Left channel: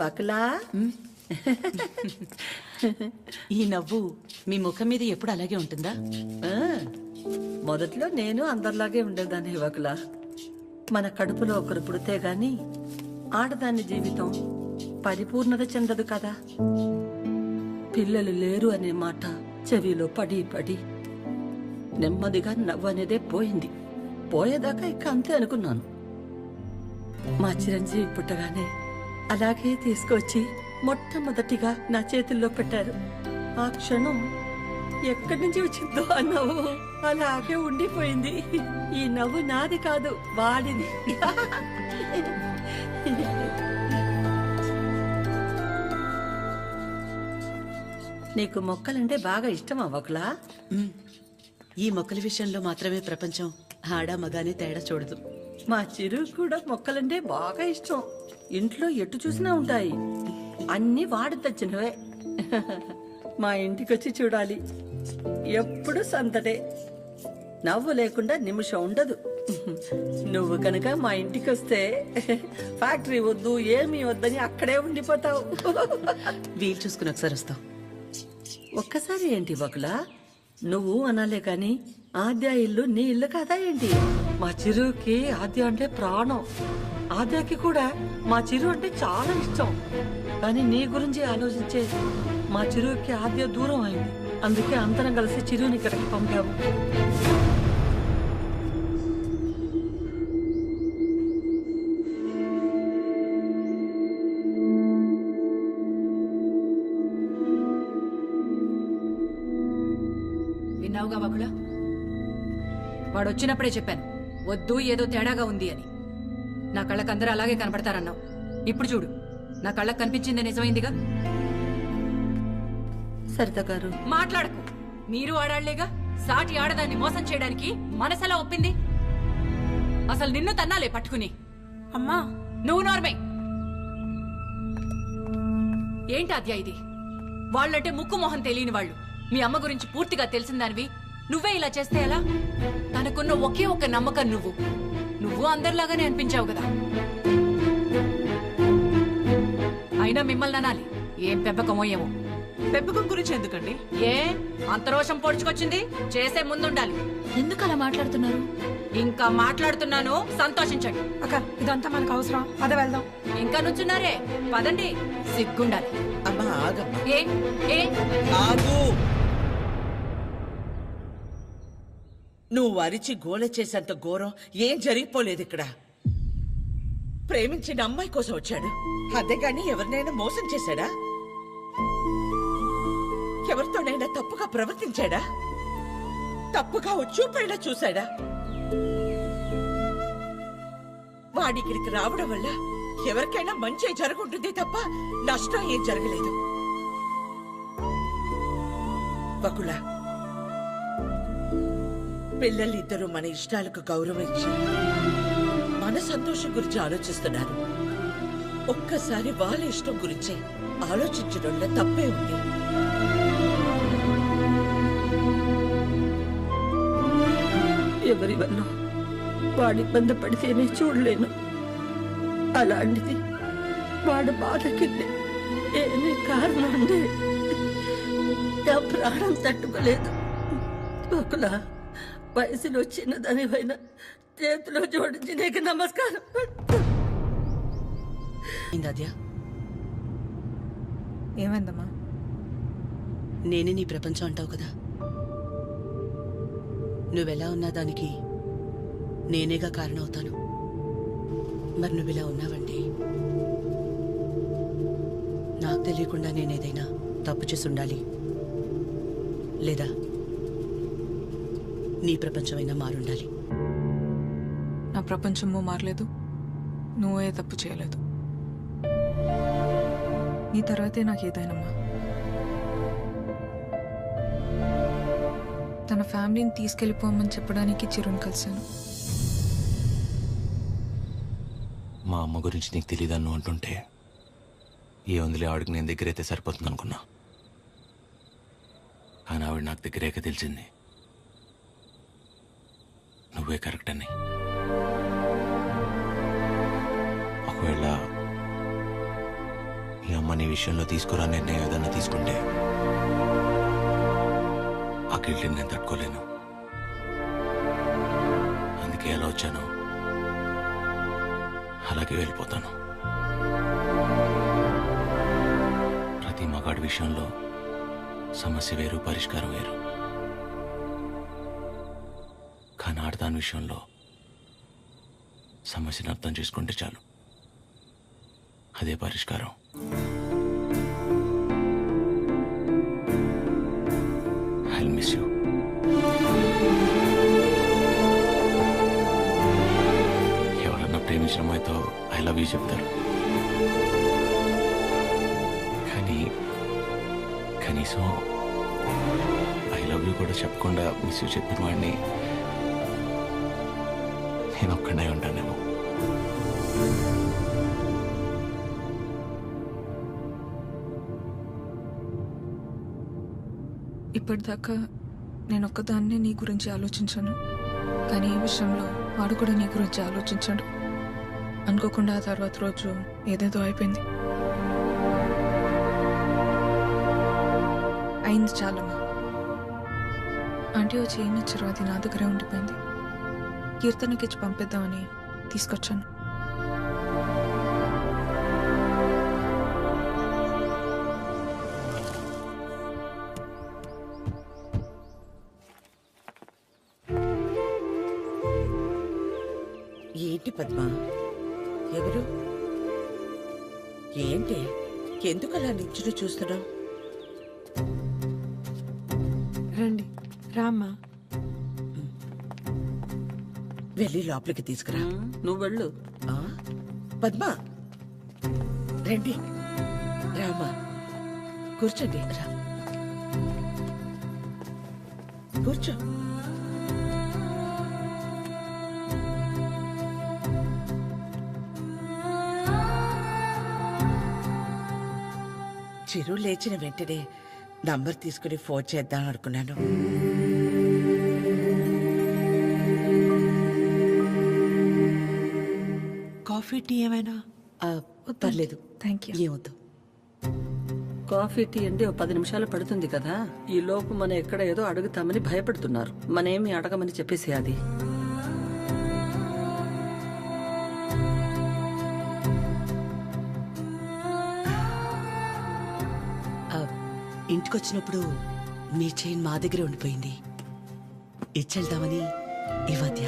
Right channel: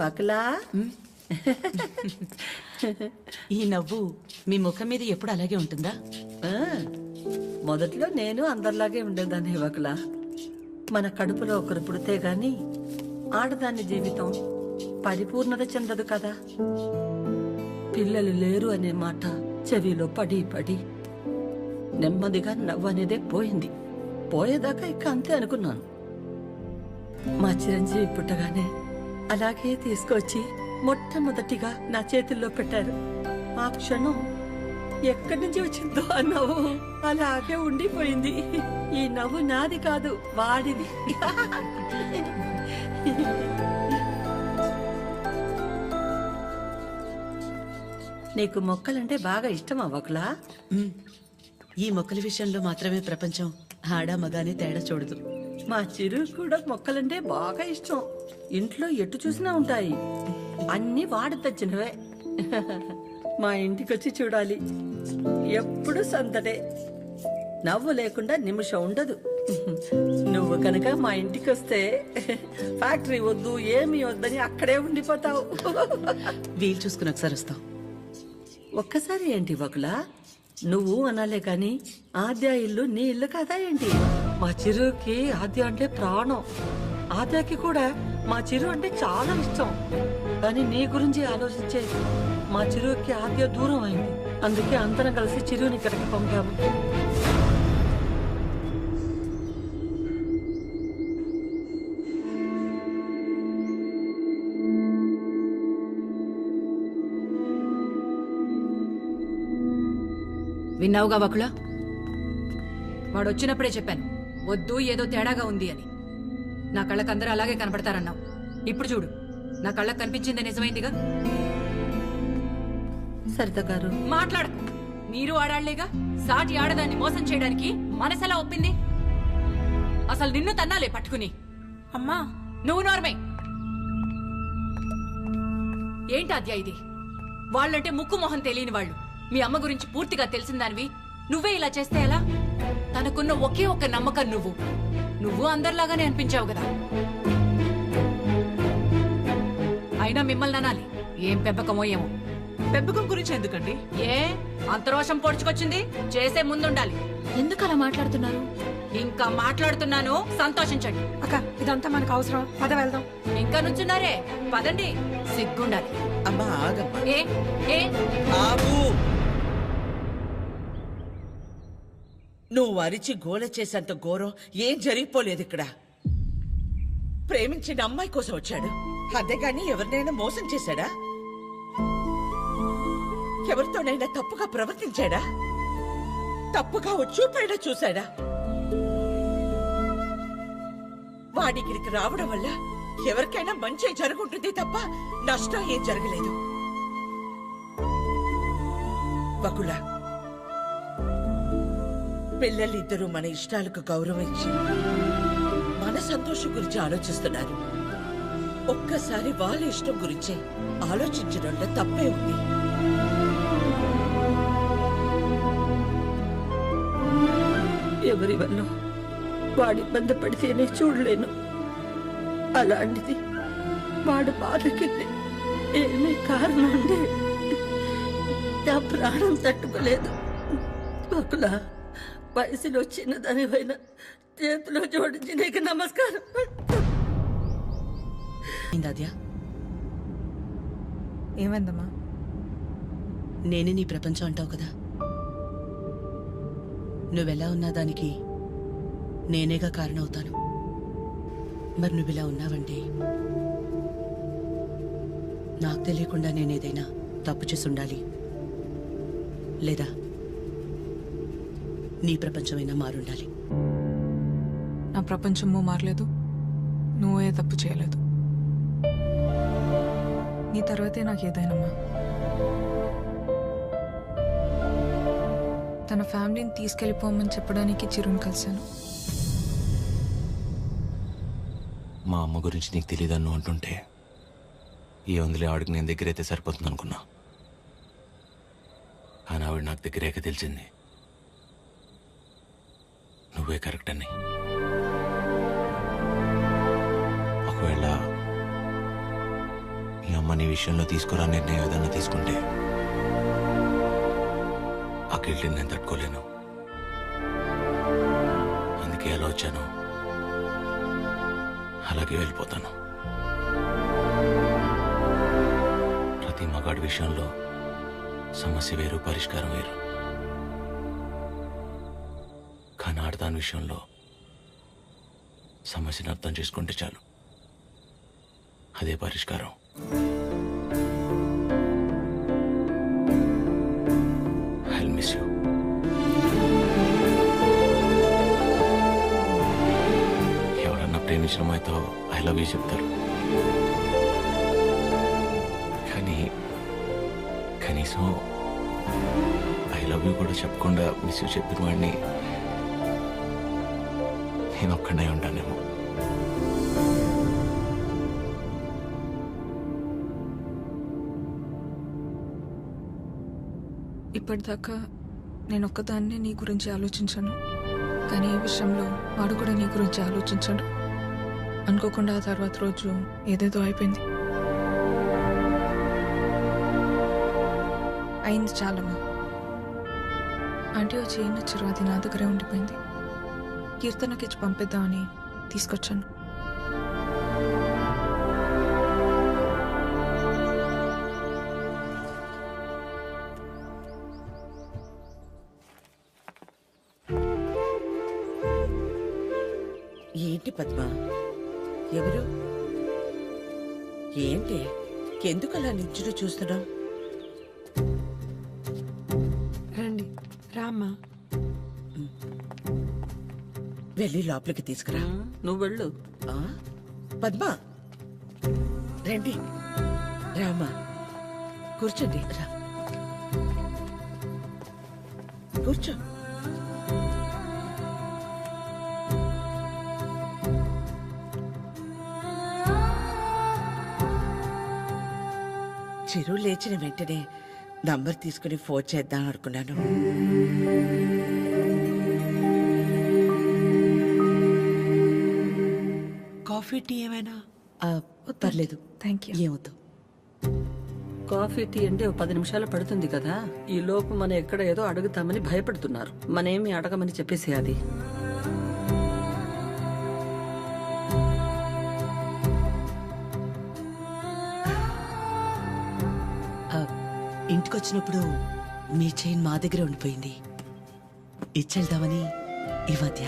వకలా ఈ నవ్వు మీ ముఖం మీద ఎప్పుడు అలాగే ఉంటుందా? మొదట్లో నేను అందరిలాగే ఉండేదాన్ని వకలా. మన కడుపులో ఒకరు పుడితే గాని ఆడదాని జీవితం పరిపూర్ణత చెందదు కదా. పిల్లలు లేరు అనే మాట చెవిలో పడి పడి నెమ్మదిగా నవ్వు అనేదే పోయింది. పోయేదాకా ఇక అంతే అనుకున్నాను. మా చిరంజీవి పుట్టగానే అలాగే తీసుకొచ్చి మొట్టమొదటిగా నా చేతుల్లో పెట్టారు. ఆ క్షణం ఎక్కడి నుంచి వచ్చిందో ఆ నవ్వు అలాగే ఉండిపోయింది. ఈ నవ్వు నాది కాదు, వాడిది. నీకు మొక్కలంటే బాగా ఇష్టమా వకలా? ఈ మొక్కల విషయంలో మాత్రమే ప్రపంచం ఆడా మగానే తేడా చూడదు. మా చిరు కూడా మొక్కలంటే బాగా ఇష్టం. ఇంట్లో ఎటు చూసినా ఉంటాయి. అన్నీ వాడి తెచ్చినవే. మా ఇంటికొచ్చి చూడాలి, ఎప్పుడు సందడే. నవ్వు లేకుండా నిమిషం ఉండదు. నువ్వు కనుక మా ఇంటికి వస్తే ఫ్యాక్టరీ వద్దు ఏమీ వద్దని అక్కడే ఉండిపోతావు. వీలు చూసుకుని ఒకసారి వస్తాం. ఒక్కసారి ఏంటి వకులా, నువ్వు అనాలే కాని ఆద్య ఇల్లు నీ ఇల్లు కాదా ఏంటి? మా చిరుకి ఆద్య అంటే ప్రాణం. ఆద్యకి కూడా మా చిరు అంటే చాలా ఇష్టం. కానీ నీ గురించి ఆలోచించే మా చిరుకి ఆద్య దూరం అయింది. అందుకే అందరం కలిసి చిరుని ఇక్కడికి పంపాము. విన్నావుగా వకుల, వాడొచ్చినప్పుడే చెప్పాను వద్దు, ఏదో తేడాగా ఉంది అని. నా కళ్ళకు అందరూ అలాగే కనపడతారన్నావు. ఇప్పుడు చూడు, నా కళ్ళకు కనిపించింది నిజమైందిగా. సరిత గారు మాట్లాడకు. మీరు ఆడాళ్లేగా. సాటి ఆడదాన్ని మోసం చేయడానికి మనసెలా ఒప్పింది? అసలు నిన్ను తన్నాలే పట్టుకుని. అమ్మా, నువ్వు నోర్మే. ఏంటి అద్యా ఇది? వాళ్ళంటే ముక్కు మొహం తెలియని వాళ్ళు. మీ అమ్మ గురించి పూర్తిగా తెలిసిందానివి నువ్వే ఇలా చేస్తే ఎలా? తనకున్న ఒకే ఒక్క నమ్మకం నువ్వు అందరిలాగానే అనిపించావు కదా. అయినా మిమ్మల్ని అనాలి. ఏం పెంపకమో ఏమో. పెంపకం గురించి ఎందుకండి? ఏ అంత రోషం పొడుచుకొచ్చింది? చేసే ముందుండాలి. ఎందుకు అలా మాట్లాడుతున్నారు? ఇంకా మాట్లాడుతున్నాను, సంతోషించండి. అక్క, ఇదంతా మనకు అవసరం. పద వెళ్దాం. ఇంకా నుంచున్నారే, పదండి. సిగ్గుండాలి. అమ్మా ఆగమ్మా, ఏ ఏ ఆగు. నువ్వు అరిచి గోల చేసేంత ఘోరం ఏం జరిగిపోలేదు ఇక్కడ. ప్రేమించిన అమ్మాయి కోసం వచ్చాడు, అంతేగాని ఎవరినైనా మోసం చేశాడా? ఎవరితోనైనా తప్పుగా ప్రవర్తించాడా? తప్పుగా చూపైనా చూశాడా? వాడికిడికి రావడం వల్ల ఎవరికైనా మంచి జరుగుంటుంది తప్ప నష్టం ఏం జరగలేదు. వకుల, పిల్లలిద్దరూ మన ఇష్టాలకు గౌరవం ఇచ్చి మన సంతోషం గురించి ఆలోచిస్తున్నారు. ఒక్కసారి వాళ్ళ ఇష్టం గురించే ఆలోచించడంలో తప్పే ఉంది. ఎవరి వల్ల వాడి ఇబ్బంది పడితేనే చూడలేను. అలాంటిది వాడు బాధకి ఏమీ కారణం ఉండే నా ప్రాణం తట్టుకోలేదు. ఒకలా వయసులో చిన్నదానివైనా చేతిలో జోడించి నీకు నమస్కారం. ఏమైందమ్మా? నేనే నీ ప్రపంచం అంటావు కదా. నువ్వెలా ఉన్నా దానికి నేనేగా కారణమవుతాను. మరి నువ్విలా ఉన్నావంటే నాకు తెలియకుండా నేనేదైనా తప్పు చేసి ఉండాలి, లేదా నీ ప్రపంచమైనా మారుండాలి. నా ప్రపంచము మారలేదు, నువ్వే తప్పు చేయలేదు. నీ తర్వాతే నాకు ఏదైనమ్మా. తన ఫ్యామిలీని తీసుకెళ్ళిపోమని చెప్పడానికి చిరుని కలిశాను. మా అమ్మ గురించి నీకు తెలియదన్ను అంటుంటే ఏ వందలే ఆవిడకి నేను దగ్గరైతే సరిపోతుంది అనుకున్నా. కానీ ఆవిడ నాకు దగ్గరేక తెలిసింది నువ్వే కరెక్ట్ అని. ఒకవేళ మీ అమ్మ నీ విషయంలో తీసుకురా నిర్ణయం ఏదన్నా తీసుకుంటే ఆ గిల్ట్ని నేను తట్టుకోలేను. అందుకే ఎలా వచ్చాను అలాగే వెళ్ళిపోతాను. ప్రతి మగాడి విషయంలో సమస్య వేరు, పరిష్కారం వేరు. కానీ ఆడదాని విషయంలో సమస్యను అర్థం చేసుకుంటే చాలు, అదే పరిష్కారం. I'll miss you. ఎవరన్నా ప్రేమించిన అమ్మాయితో ఐ లవ్ యూ చెప్తారు, కానీ కనీసం ఐ లవ్ యూ కూడా చెప్పకుండా మిస్ యూ చెప్పిన వాడిని నేను ఒక్కడే ఉంటానేమో. ఇప్పటిదాకా నేను ఒక్కదాన్నే నీ గురించి ఆలోచించాను, కానీ ఈ విషయంలో వాడు కూడా నీ గురించి ఆలోచించాడు. అనుకోకుండా ఆ తర్వాత రోజు ఏదేదో అయిపోయింది. అయింది చాలమ్మా. ఆంటీ వచ్చి ఏం ఇచ్చారు, అది నా దగ్గరే ఉండిపోయింది. కీర్తనకి ఇచ్చి పంపిద్దామని తీసుకొచ్చాను. ఏంటి పద్మ? ఎవరు? ఏంటి? ఎందుకు అలా నించుని చూస్తున్నావు? రండి రామ్మా. వెళ్ళి లోపలికి తీసుకురా. నువ్వు వెళ్ళు. ఆ? పద్మ రండి, రామా కూర్చోండి. రా కూర్చో. చిరు లేచిన వెంటనే నంబర్ తీసుకుని ఫోన్ చేద్దాం అనుకున్నాను. కాఫీ టీ ఏమైనా? పర్లేదు, థ్యాంక్ యూ. ఏమొద్దు. కాఫీ టీ అంటే 10 నిమిషాలు పడుతుంది కదా. ఈ లోపు మనం ఎక్కడ ఏదో అడుగుతామని భయపడుతున్నారు. మనేమి అడగమని చెప్పేసి అది. ఇంటికొచ్చినప్పుడు మీ చైన్ మా దగ్గరే ఉండిపోయింది, ఇచ్చెళ్దామని ఈ మధ్య.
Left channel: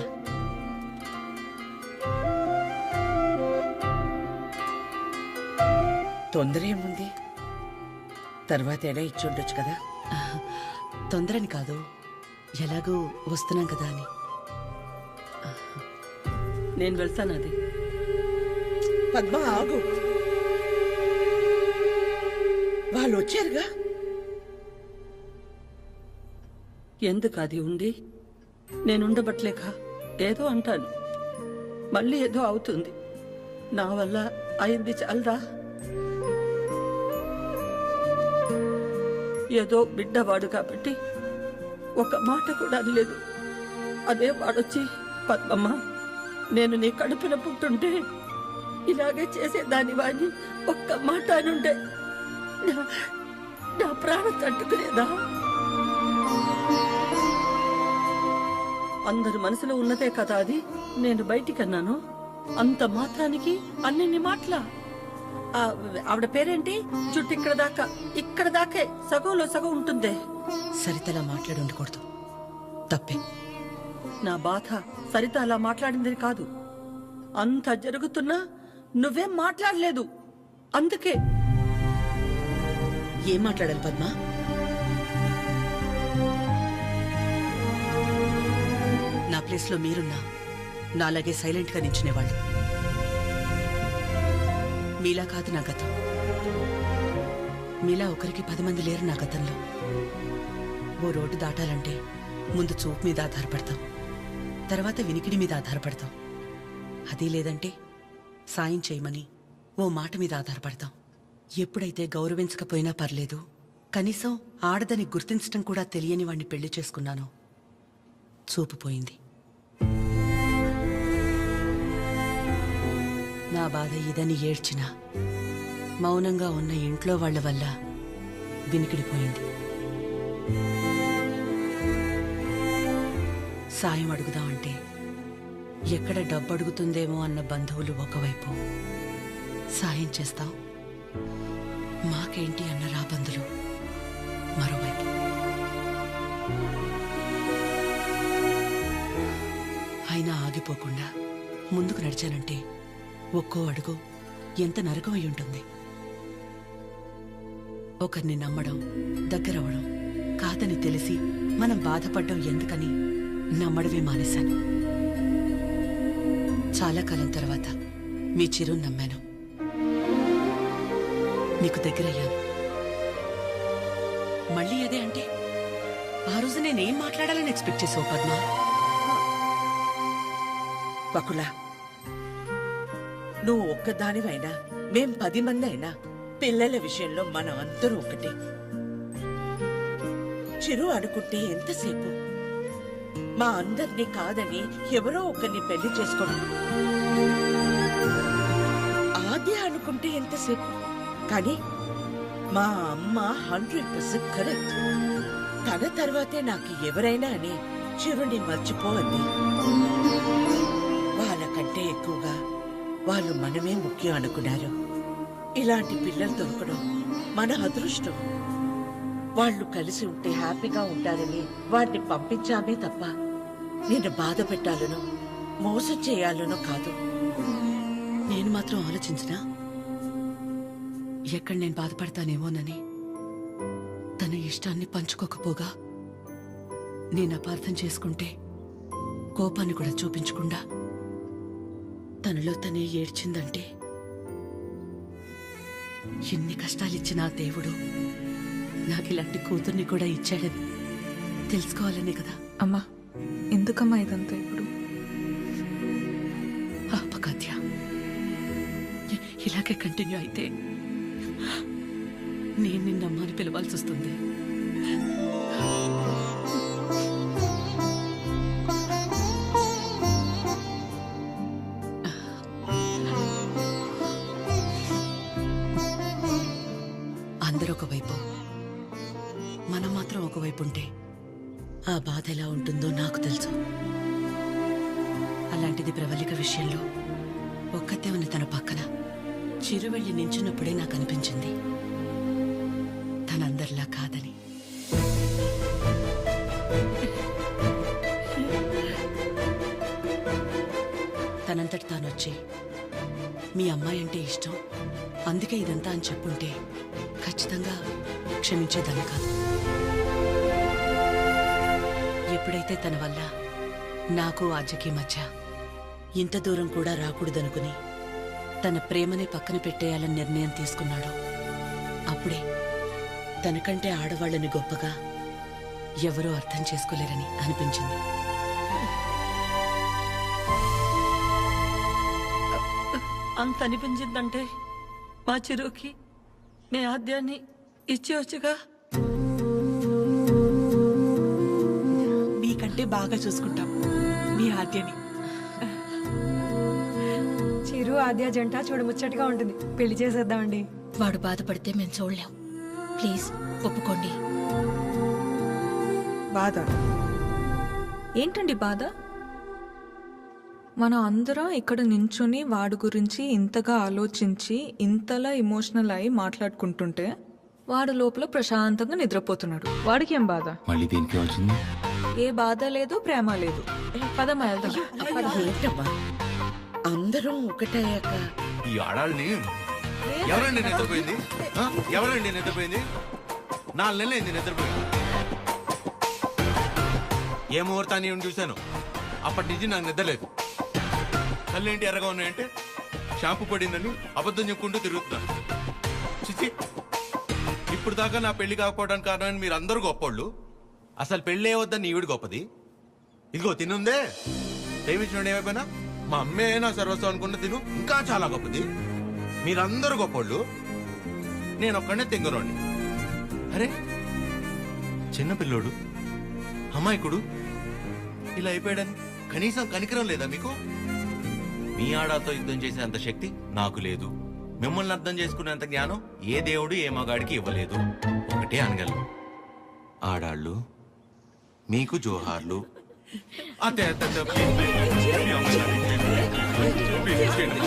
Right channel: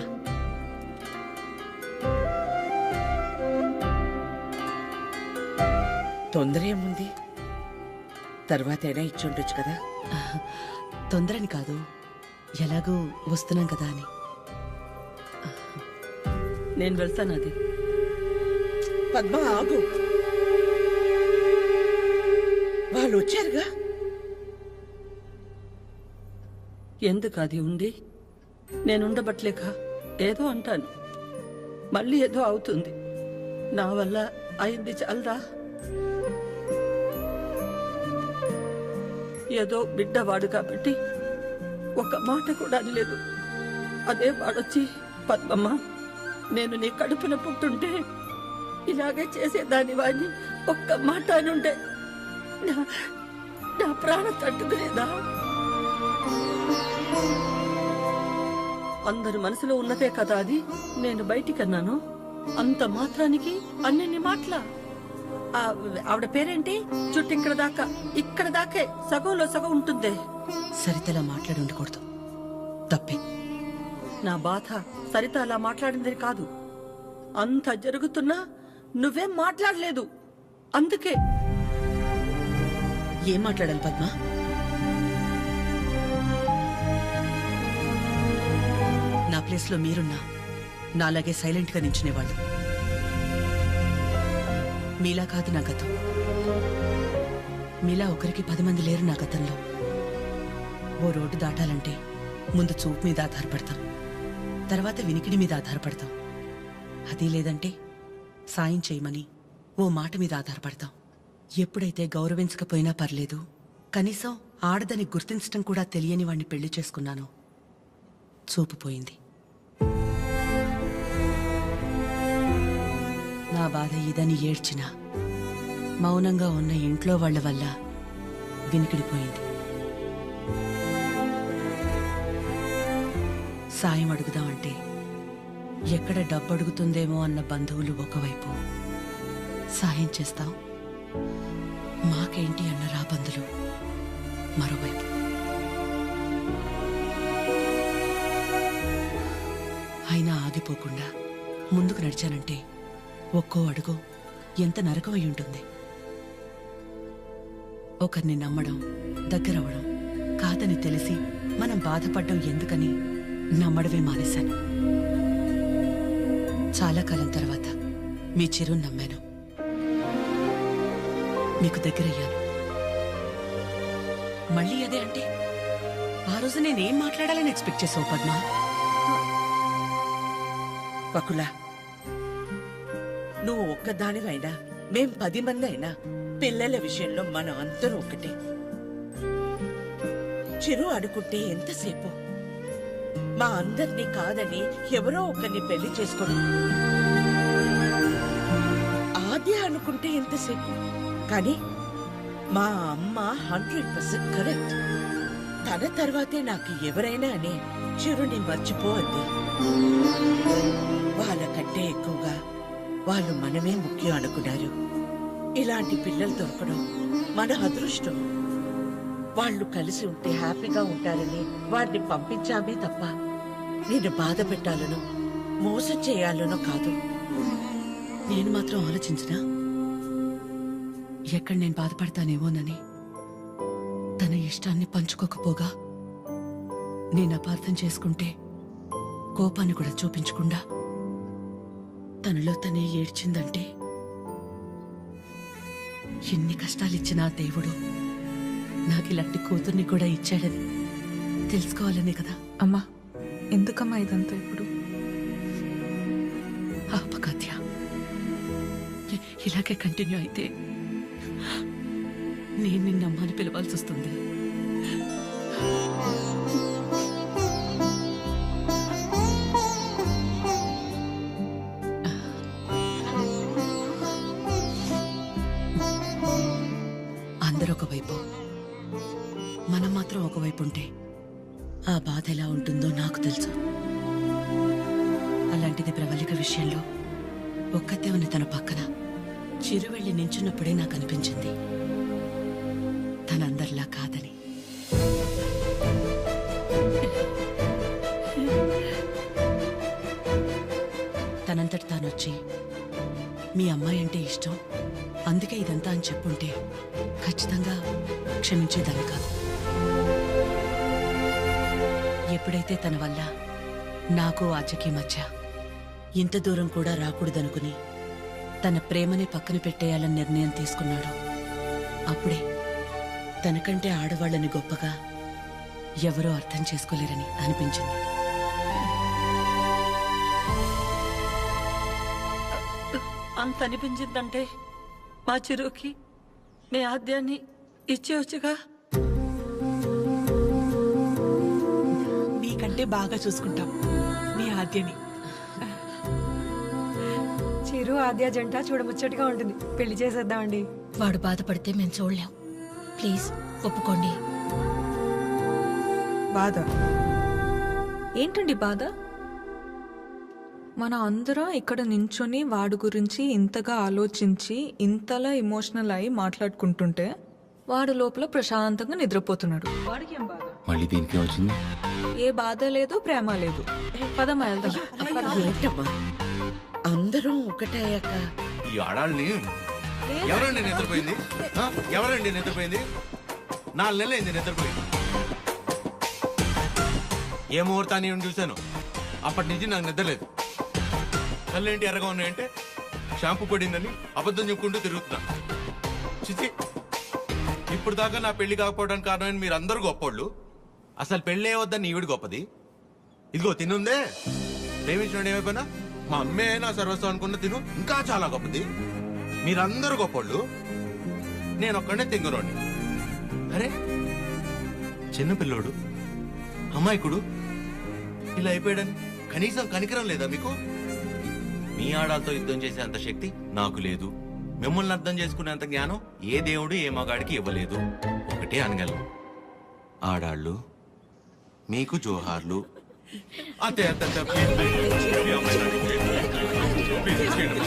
తొందర ఏముంది, తర్వాతైనా ఇచ్చి ఉండొచ్చు కదా. తొందరని కాదు, ఎలాగూ వస్తున్నాం కదా అని. నేను వెళ్తాను. అది పద్మ ఆగు, వాళ్ళు వచ్చారుగా. ఎందుకు అది ఉండి నేనుండబట్లేక ఏదో అంటాను, మళ్ళీ ఏదో అవుతుంది. నా వల్ల అయింది చాలదా? ఏదో బిడ్డవాడు కాబట్టి ఒక మాట కూడా అనలేదు. అదే వాడొచ్చి పద్మమ్మ నేను నీ కడుపున పుట్టుంటే ఇలాగే చేసేదాని వాడిని ఒక్క మాట అనుండే నా ప్రాణం తట్టుకునేదా? అందరి మనసులో ఉన్నదే కదా అది. నేను బయటికన్నాను, అంత మాత్రానికి అన్ని మాటలా? ఆవిడ పేరేంటి? చుట్టూ ఇక్కడ దాకే సగంలో సగం ఉంటుందే. సరితలా మాట్లాడి ఉండకూడదు, తప్పే. నా బాధ సరిత అలా మాట్లాడిందని కాదు, అంత జరుగుతున్నా నువ్వేం మాట్లాడలేదు. అందుకే. ఏం మాట్లాడాలి పద్మ? నా ప్లేస్లో మీరున్నా నాలాగే సైలెంట్గా నించునేవాళ్ళు. మీలా కాదు నా గతం. మీలా ఒకరికి 10 మంది లేరు నా గతంలో. ఓ రోడ్డు దాటాలంటే ముందు చూపు మీద ఆధారపడతాం, తర్వాత వినికిడి మీద ఆధారపడతాం. అది లేదంటే సాయం చేయమని ఓ మాట మీద ఆధారపడతాం. ఎప్పుడైతే గౌరవించకపోయినా పర్లేదు, కనీసం ఆడదని గుర్తించడం కూడా తెలియని వాణ్ణి పెళ్లి చేసుకున్నానో చూపు పోయింది. నా బాధ ఇదని ఏడ్చినా మౌనంగా ఉన్న ఇంట్లో వాళ్ళ వల్ల వినికిడిపోయింది. సాయం అడుగుదామంటే ఎక్కడ డబ్బు అడుగుతుందేమో అన్న బంధువులు ఒకవైపు, సాయం చేస్తాం మాకేంటి అన్న రాబందులు మరోవైపు. అయినా ఆగిపోకుండా ముందుకు నడిచానంటే ఒక్కో అడుగు ఎంత నరకం అయి ఉంటుంది. ఒకరిని నమ్మడం, దగ్గరవడం కాదని తెలిసి మనం బాధపడ్డం ఎందుకని నమ్మడమే మానేశాను. చాలా కాలం తర్వాత మీ చిరుని నమ్మాను, మీకు దగ్గరయ్యాను. మళ్ళీ అదే అంటే ఆ రోజు నేనేం మాట్లాడాలని ఎక్స్పెక్ట్ చేసావు పద్మా? వకులా, నువ్వు ఒక్కదానివైనా మేం 10 మంది అయినా పిల్లల విషయంలో మనం అందరూ ఒకటే. చిరు అనుకుంటే ఎంతసేపు మా అందరినీ కాదని ఎవరో ఒకరిని పెళ్లి చేసుకోవడం. ఆద్య అనుకుంటే ఎంతసేపు, కానీ మా అమ్మ 100% కరెక్ట్. తన తర్వాతే నాకు ఎవరైనా అని చిరుని మర్చిపో అంది. వాళ్ళకంటే ఎక్కువగా వాళ్ళు మనమే ముఖ్యం అనుకున్నారు. ఇలాంటి పిల్లలు దొరకడం మన అదృష్టం. వాళ్ళు కలిసి ఉంటే హ్యాపీగా ఉంటారని వాడిని పంపించామే తప్ప నిన్ను బాధ పెట్టాలనో మోసం చేయాలనో కాదు. నేను మాత్రం ఆలోచించనా ఎక్కడ నేను బాధపడతానేమోనని? తన ఇష్టాన్ని పంచుకోకపోగా నేను అపార్థం చేసుకుంటే కోపాన్ని కూడా చూపించకుండా తనలో తనే ఏడ్చిందంటే ఎన్ని కష్టాలిచ్చినా దేవుడు నాకిలాంటి కూతుర్ని కూడా ఇచ్చాడని తెలుసుకోవాలనే కదా. అమ్మా, ఎందుకమ్మా ఇదంతా ఇప్పుడు? ఆపకాద్య, ఇలాగే కంటిన్యూ అయితే నేను నిన్నమ్మని పిలవాల్సి వస్తుంది. అందరూ ఒకవైపు, మనం మాత్రం ఒకవైపు ఉంటే ఆ బాధ ఎలా ఉంటుందో నాకు తెలుసు. అలాంటిది ప్రవళిక విషయంలో ఒక్కతే ఉన్న తన పక్కన చిరు వెళ్ళి నించున్నప్పుడే నాకు అనిపించింది తనందరిలా కాదని. తనంతటి తానొచ్చి మీ అమ్మాయి అంటే ఇష్టం అందుకే ఇదంతా అని చెప్పుంటే ఖచ్చితంగా క్షమించేదాన్ని కాదు. ఎప్పుడైతే తన వల్ల నాకు ఆద్యకి మధ్య ఇంత దూరం కూడా రాకూడదనుకుని తన ప్రేమని పక్కన పెట్టేయాలని నిర్ణయం తీసుకున్నాడో అప్పుడే తనకంటే ఆడవాళ్ళని గొప్పగా ఎవరో అర్థం చేసుకోలేరని అనిపించింది. అంత అనిపించిందంటే మా చిరుకి మీ ఆద్యాన్ని ఇచ్చేవచ్చుగా. మీకంటే బాగా చూసుకుంటాం మీ ఆద్యని. చిరు ఆద్య జంట చూడముచ్చటగా ఉంటుంది. పెళ్లి చేసేద్దామండి. వాడు బాధపడితే మేము చూడలేం. ప్లీజ్ ఒప్పుకోండి. బాధ ఏంటండి? బాధ మన అందరం ఇక్కడ నించుని వాడి గురించి ఇంతగా ఆలోచించి ఇంతలా ఎమోషనల్ అయి మాట్లాడుకుంటుంటే వాడు లోపల ప్రశాంతంగా నిద్రపోతున్నాడు. వాడికి ఏం బాధ? మళ్ళీ దీనికి వచ్చింది. ఏ బాధ లేదు, ప్రేమ లేదు. పదమ్మా వెళ్దాం. ఏంటమ్మా అందరం ఒకటయ్యాక ఈ ఆడాళ్ళని ఎవరండి నిద్రపోయింది? ఎవరండి నిద్రపోయింది? 4 నెలలైంది నిద్రపోయింది. ఏ ముహూర్తాన్ని చూశాను అప్పటి నుంచి నాకు నిద్రలేదు. కళ్ళేంటి ఎర్రగా ఉన్నాయంటే షాంపూ పడిందని అబద్ధం చెప్పుకుంటూ తిరుగుతున్నా. చిచి, ఇప్పుడు దాకా నా పెళ్లి కాకపోవడానికి కారణమైన మీరు అందరూ గొప్పోళ్ళు. అసలు పెళ్ళే వద్దని ఈవిడ గొప్పది. ఇదిగో తినుందే, ప్రేమించిన ఏమైపోయినా మా అమ్మే నా సర్వస్వం అనుకున్న తిను ఇంకా చాలా గొప్పది. మీరందరూ గొప్పోళ్ళు, నేను ఒక్కడే తెంగరోని. అరే చిన్నపిల్లోడు అమాయకుడు ఇలా అయిపోయాడని కనీసం కనికరం లేదా మీకు? మీ ఆడాలతో యుద్ధం చేసే అంత శక్తి నాకు లేదు, మిమ్మల్ని అర్థం చేసుకునేంత జ్ఞానం ఏ దేవుడు ఏ మగాడికి ఇవ్వలేదు. ఒకటే అనగలను, ఆడాళ్ళు మీకు జోహార్లు. అతే అతే అతే, ప్లీజ్ ప్లీజ్, మీ అమ్మాయిని అడిగి, ప్లీజ్, ప్లీజ్, ప్లీజ్, చేయండి.